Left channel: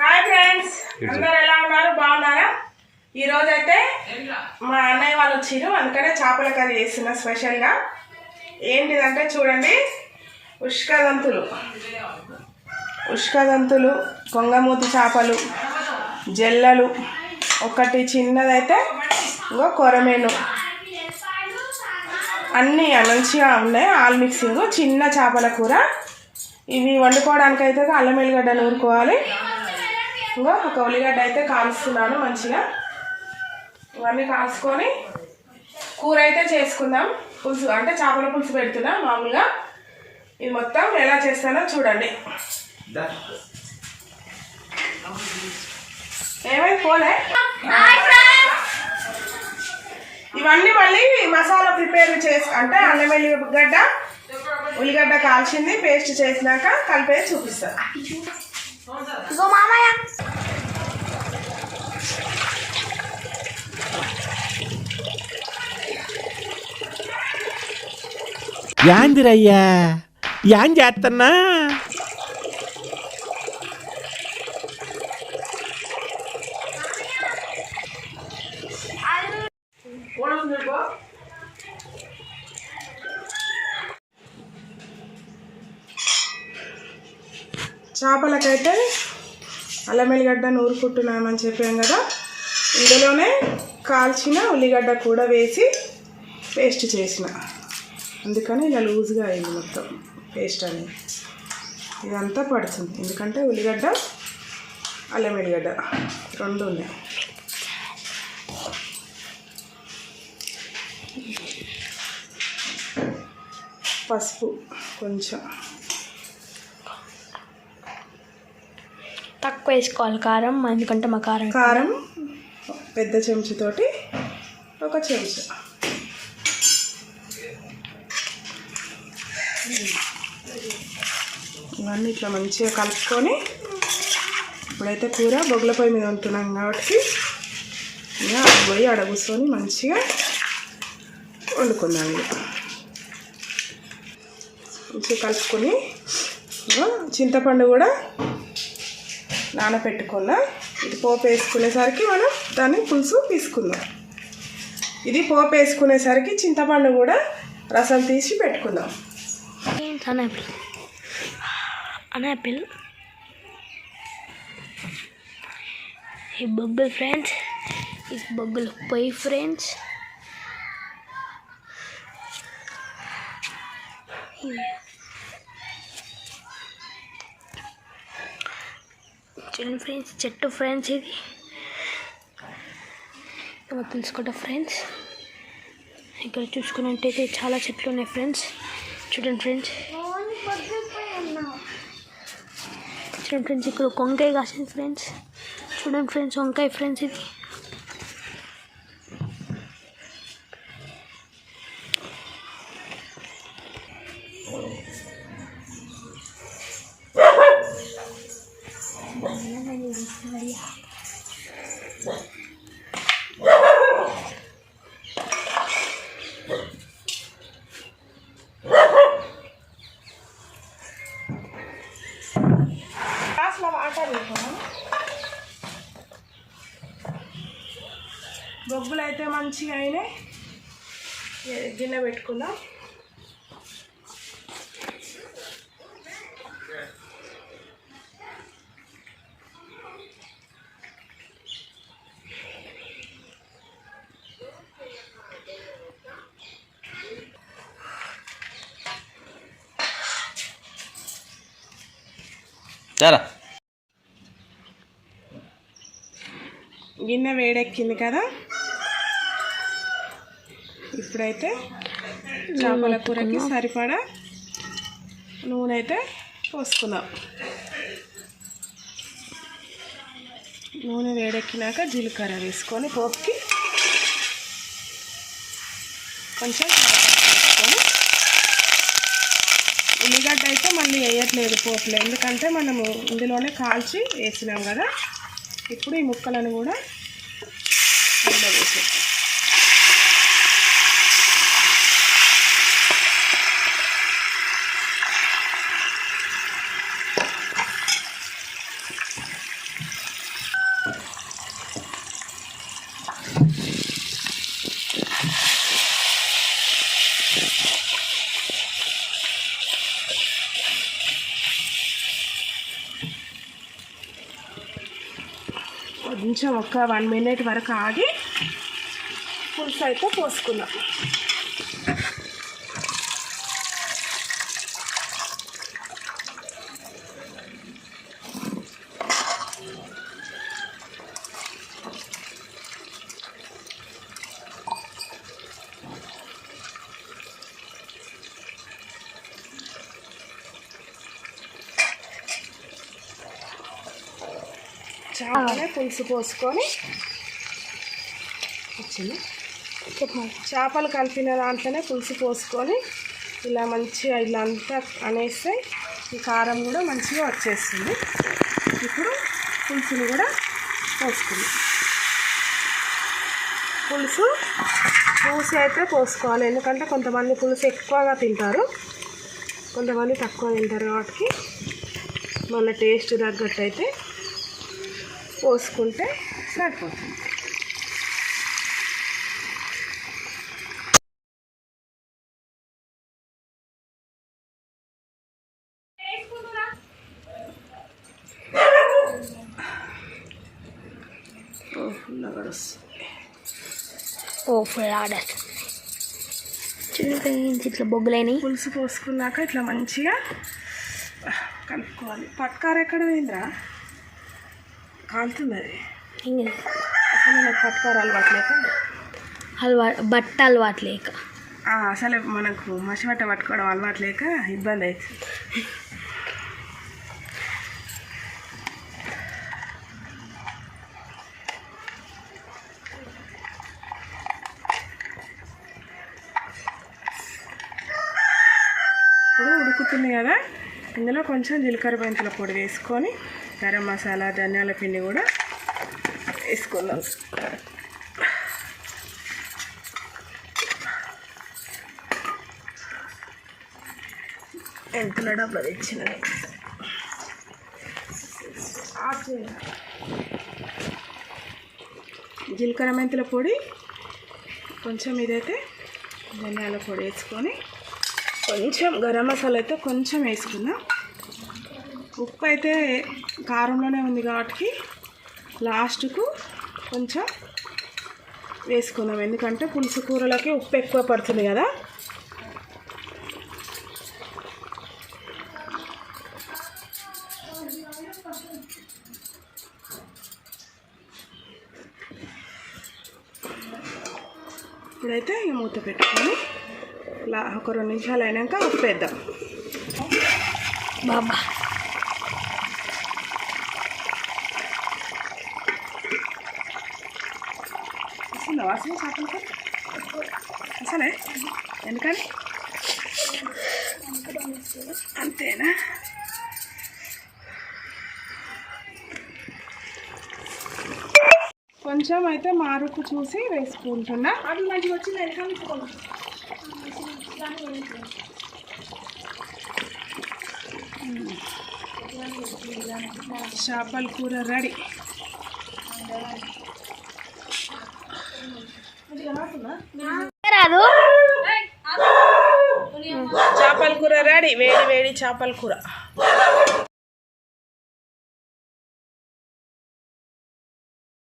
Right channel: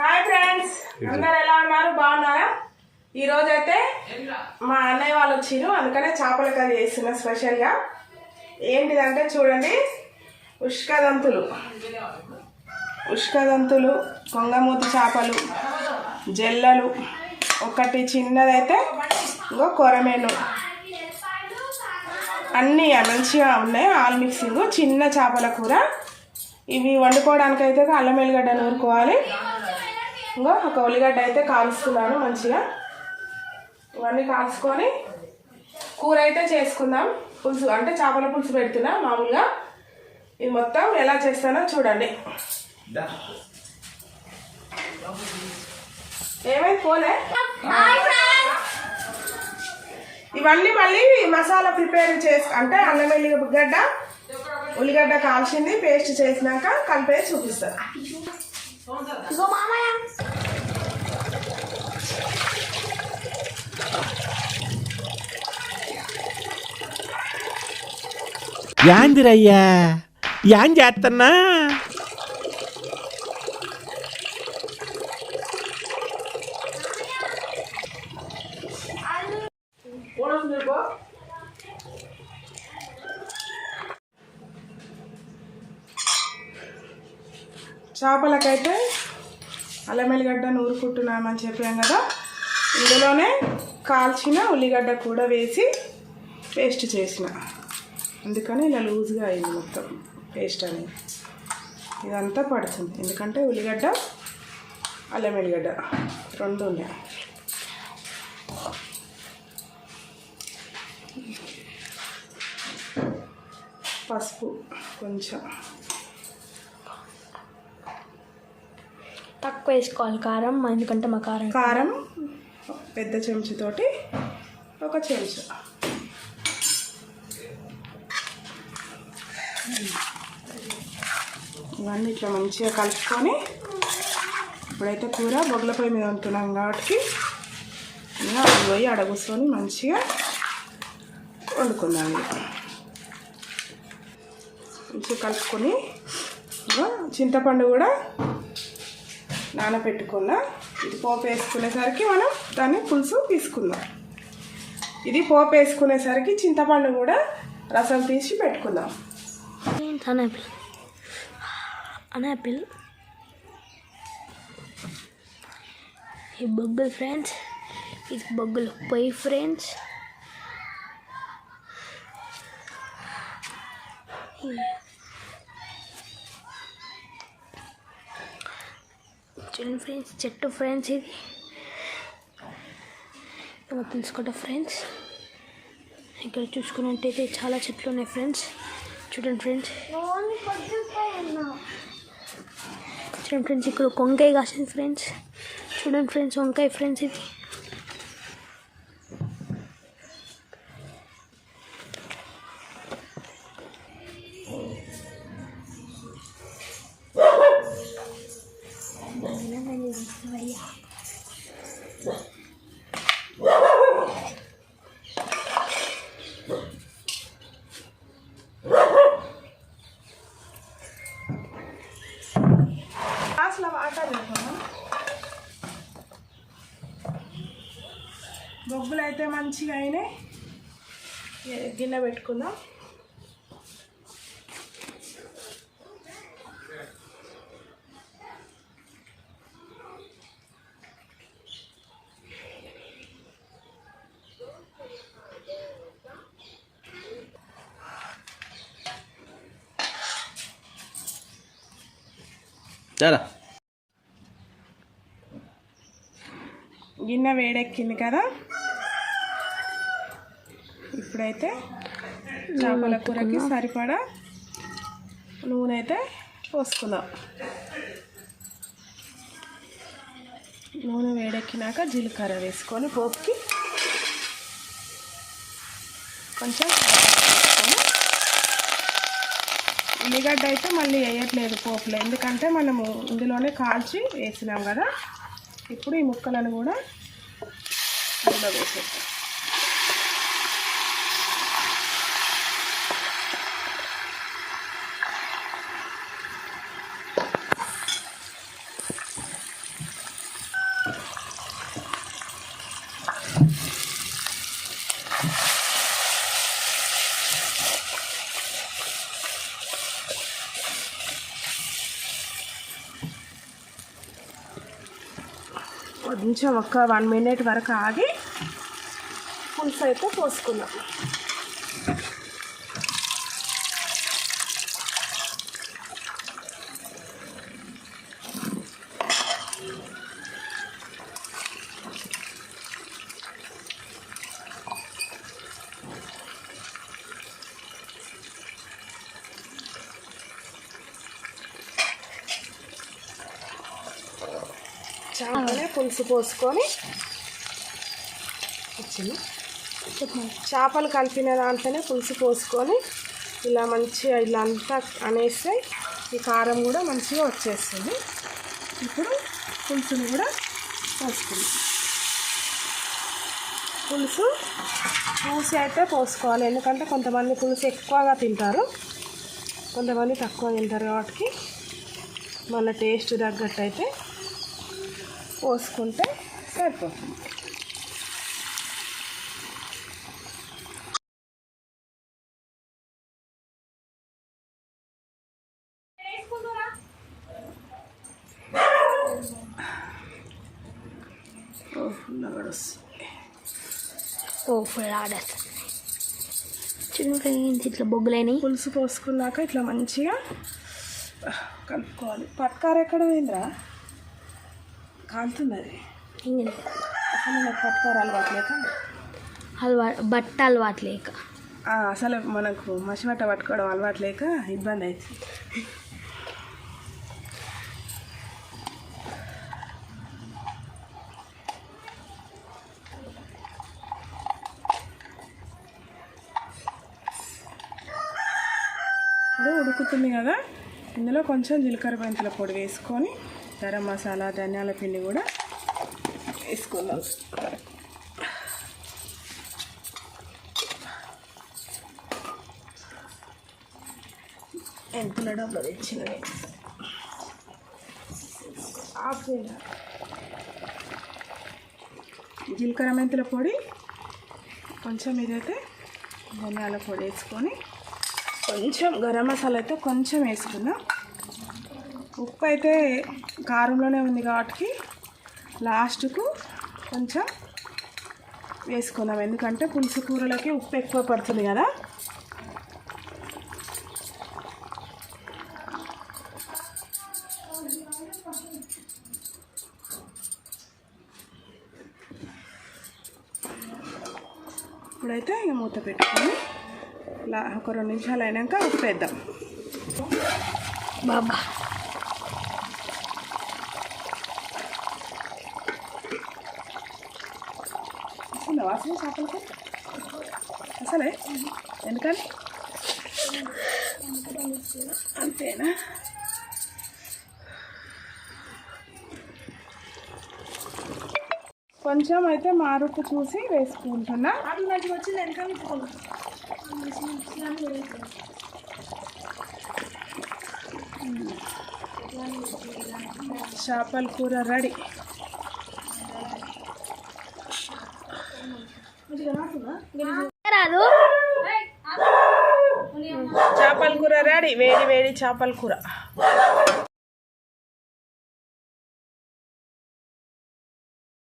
Hi friends అందరు ఎలా ఉన్నారు? బాగున్నారా? ఈరోజు అయితే మా అన్నయ్య వాళ్ళు వచ్చిర్రు అందుకనే చేపల కర్రీ చేస్తున్నా స్పెషల్గా. ఏంటిదంటే చూడండి ఉష్కదంతులు. ఉష్కదంతులు కొంగమూతి చేపలు జల్లలు ఒకటి చిన్నదైతే ఇంకో కొరమేను. అన్నీ మంచిగా ఉన్నాయి ఆల్ మిక్సింగ్ చిన్న చేపల కూర. ఇవి వండుకోవడానికి అయితే అల్లం ఎల్లిగడ్డ నూరుకోవాలి ఇంకో ఒక ఉల్లిగడ్డ అయితే కాలుస్తున్నాను మంచిగా. ఇవన్నీ కాల్చుకొని కూర అయితే చేసుకుందాం. పులుసు అంటే చేపల పులుసు పెడుతున్నా మామూలుగా. ఇది మొత్తం ఎలా చేస్తానో చూడండి. ఏమైంది? పోలే. ఇవన్నీ మళ్ళీ మసాలా ప్రిపేర్ చేసి అంటే అల్లం ఎల్లిగడ్డ ఉల్లిగడ్డ కాల్చింది పేస్ట్ చేసినాక కలిపే చూపిస్తా. యాందిరయ్యా. యాన్ చేస్తున్నా చేపలకైతే అల్లం ఎల్లిగడ్డ నూరుకుంటున్నామని చెప్పాం కదా. ఇందులోనే కాల్చిన ఉల్లిగడ్డ కూడా వేసి పేస్ట్ చేసిన. అందుకని ఇలా లూజ్గా అయింది మొత్తం పేస్ట్ అనేది. ఇదంతా పడుతుంది. ఎందుకంటే ఉల్లిగడ్డ అల్లం ఎల్లిగడ్డ రెండు ఉన్నాయి. పసుపు కొంచెం. తక్కువ వేసుకోవాలి కారం ఎందుకంటే మా కారం కారం పెద్ద చెంచుతోటి ఒక చెంచా. ఇవన్నీ ఇట్లా మంచిగా కలుపుకొని ఇప్పుడైతే కూర బొగ్గుల పొయ్యి మీద ఉంటున్నాం కాబట్టి ఇంకా అది పోయి ఆడ కూర్చొని మంచిగా వండుకుందాం మంచిగా కలుపుకొని చింతపండు కూడా నానబెట్టుకున్న ఇది పోపు వేసుకునేసరికి మనం దాన్ని పులుసు తీసుకుందాం. ఇది పోపు వేసుకునేసరికి చింతపండు కూడా రసం తీసి పెట్టుకుందాం. An apple. ఈ బొగ్గులు ఫ్రెండ్స్ ఈ బొగ్గులు పొయ్యి ఫ్రెండ్స్ చూడండి ఫ్రెండ్స్ చెట్టు ఫ్రెండ్స్ ఇది ఏమో తెలుసుకుంటా ఫ్రెండ్స్ ఇక్కడ చూసుకున్నట్టయితే చాలా చెట్లు ఉన్నాయి ఫ్రెండ్స్ చూడండి ఫ్రెండ్స్ చూడండి ఫ్రెండ్స్. ఇక్కడ వంకాయ కాసింది ఫ్రెండ్స్. చూడండి ఫ్రెండ్స్ వంకాయ ఫ్రెండ్స్ ఇది. బొగ్గులు అయితే మంచిగా అయినాయి. గిన్నె పెట్టుకుందాం. చాలా. గిన్నె వేడెక్కింది కదా. ఇప్పుడైతే చేపల కూరకి సరిపడా నూనె అయితే పోసుకుందాం. నూనె వేడెక్కినాక జీలకర్ర వేసుకొని పోపుకి కొంచెం వేసుకొని ఉల్లిగడ్డ అయితే మళ్ళీ వేయట్లేదు పోపులో ఎందుకంటే మనము ఇందులోనే కాల్చి వేసినాం కదా. ఇప్పుడు ఈ ముక్కలను కూడా వేసేస్తాం కొంచెం ఒక వన్ మినిట్ వరకు ఆగి పులుసు అయితే పోసుకున్నాం. అలాగే పులుసు పోసుకొని వచ్చింది. చేపలు కలిపిన దాంట్లోనే పులుసు పోసుకొని ఇలా మంచిగా ఇలా అంతా అనేస్తే ఈ కారం కూడా మంచిగా వచ్చేస్తుంది. ఇప్పుడు పులుసుని కూడా పోసుకుంది. పులుసు పులుసు అయితే పోసుకోవాలి. ఎందుకంటే కొంతమంది పులుసు ఎక్కువగా తింటారు. కొంతమంది తక్కువ తింటారు కాబట్టి మన టేస్ట్ తగ్గట్టు అయితే పోసుకుంటే సరిపోతుంది. ఓ ఫుల్ ఆర్డర్ ఇట్లా బొగ్గులైనవి పులుసు పోసుకున్నాక ఇట్లా మంచిగా కలుపుకోవాలి. పట్కార ఎక్కడ పోయిందిరా? కాలుతుంది అది అసలు నాకు పట్కార అలవాట్లేక అలవా బట్ట అలవాటు లేక. ఆ, అసలే మనకు మసిబట్ట పట్టుకోవడం అలవాట్లేక ఇబ్బంది అవుతుంది ఇప్పుడు ఉడుకుతుంది కదా. ఇందులో కొంచెం జీలకర్ర మెంతుల పొడి వేసుకొని గరం మసాలా ధనియాల పిండి కూడా వేసుకుందాం. ఎంతుల డబ్బులు తెచ్చినది జీలకర్ర మెంతుల పొడి కొంచెం ఇదైతే ధనియాల పొడి వేసుకొని కొంచెం గరం మసాలా అయితే కొంచెం వేసుకుందాం. ఉప్పు అయితే కారంలోనే ఉంది కాబట్టి లాస్ట్కు కొంచెం వేసుకుందాం. ఎందుకంటే పులుసు కూరలకి ఉప్పు ఎక్కువ పడుతుంది కదా. ఇప్పుడైతే ఈ మూత పెట్టుకొని ఒక రెండు నిమిషాలు అయినాక ఉప్పేద్దాం బాబా. అసలు చేపలకి? అసలే ఎందుకని? అంతేనా? కొంచెం అయితే మారుపు చూసి వేసుకుంటున్నా. అది మంచిగా వచ్చింది చేపల కూర రెడీ. రాదు. చేపల కూర రెడీ. వేడి వేడి చేపల కూర.